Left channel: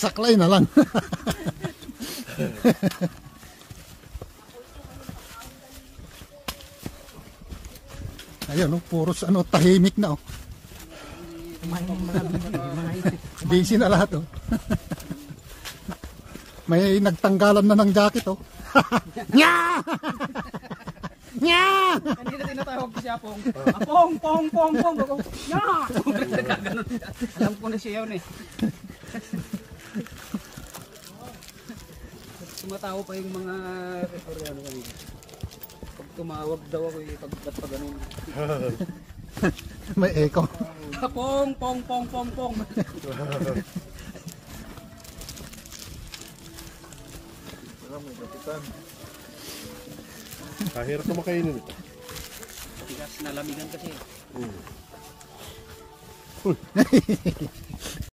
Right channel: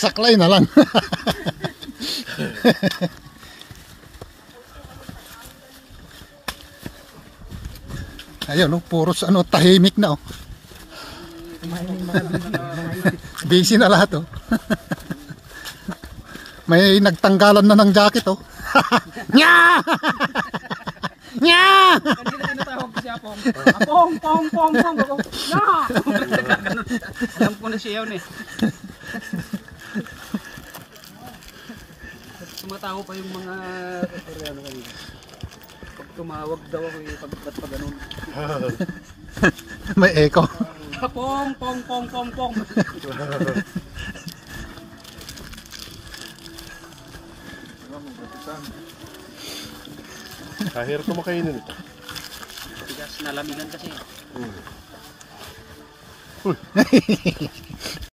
Saklay na lang. Ayun, no, puros ano, tahimik na, oh. Busy na lahat, oh. May nagtanggalan na ng jacket, oh. Nya! Nya! Kanina tinatawag ko si Apong. Apong, pong, pong, pong. Nya! Alam ko na siya yun eh. Tumatawa pa yung mga Koreano kanina. Pag tumawag daw ako eh, ba't pa ganun. May echo. Apong, pong, pong, pong, pong. Kahirap na makainin ito. Tigas na lamigan kasi. Uy!